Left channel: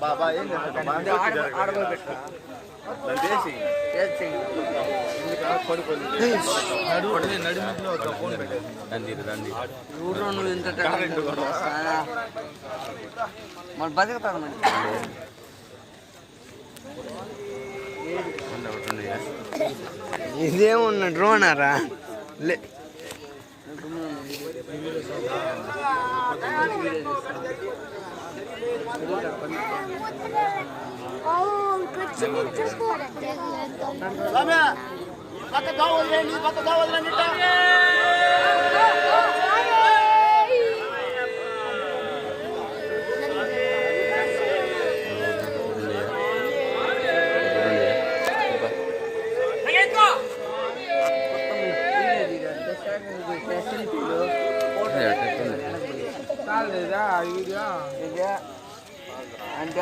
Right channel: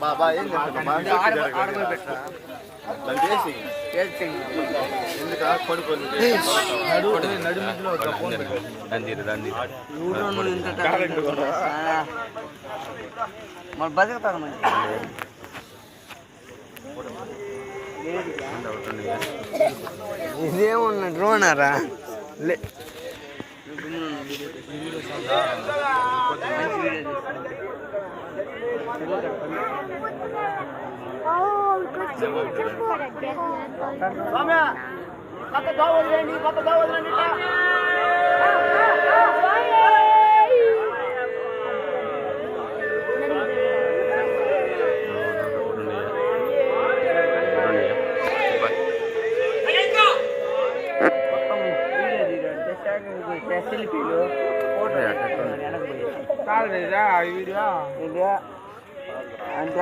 బాబా ఏం ఆడబోయి పెట్టరా ఊళ్ళో నువ్వు ఇంత మరి బతుకుతాను ఇదేమున్నా డ్రోనారా లే అంటే